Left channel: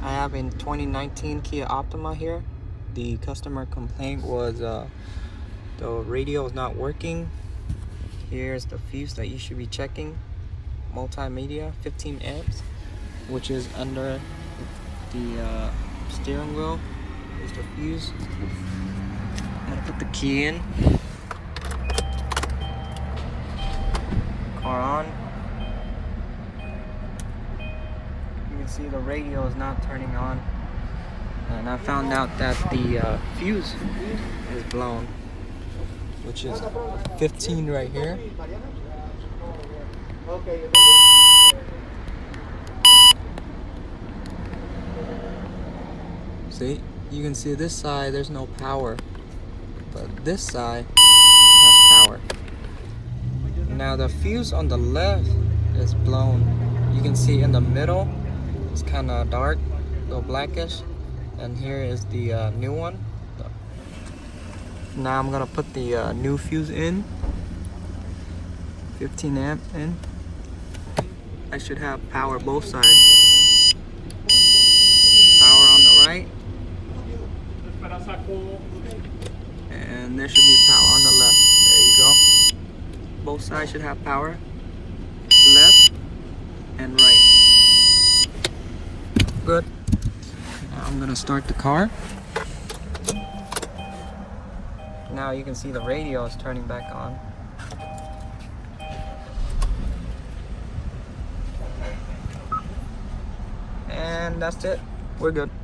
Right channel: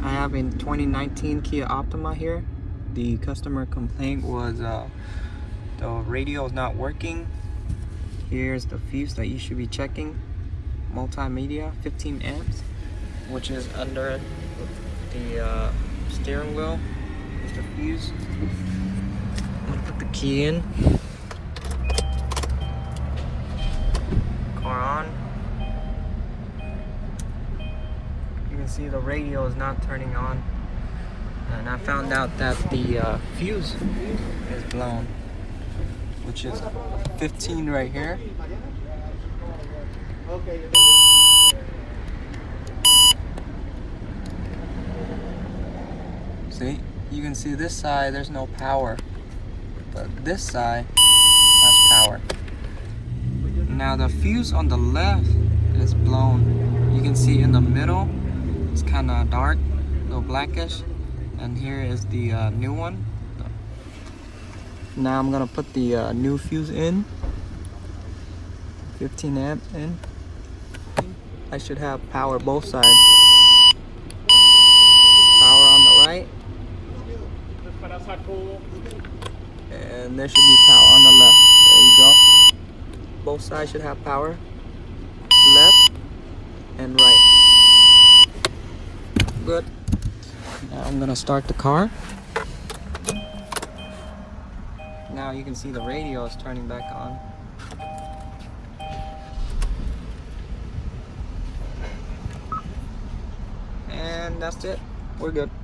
I have a 2019 Kia Optima here. The customer complaint was the radio is not working. Here's the fuse that you should be checking. Multimedia, 15 amps, which is under the steering wheel. Here's the fuse. I'm gonna put the key in. Car on. You can see the radio is not turning on. And I found out that the fuse is blown, which is 15 right here. See, you can see this side there's no power, but this side has power. Now the fuse on the left is blown. You can see in the middle it's kind of dark, a little blackish, and here is the new one. Now I'm gonna put the new fuse in, 15 amp in. I should have power both sides. Power on the right, and there should be power on the left. There you go. Both sides should have power, left and right. Good. Now I'm gonna start the car. Now you can see the radio is turning back on. And that's it. We're good.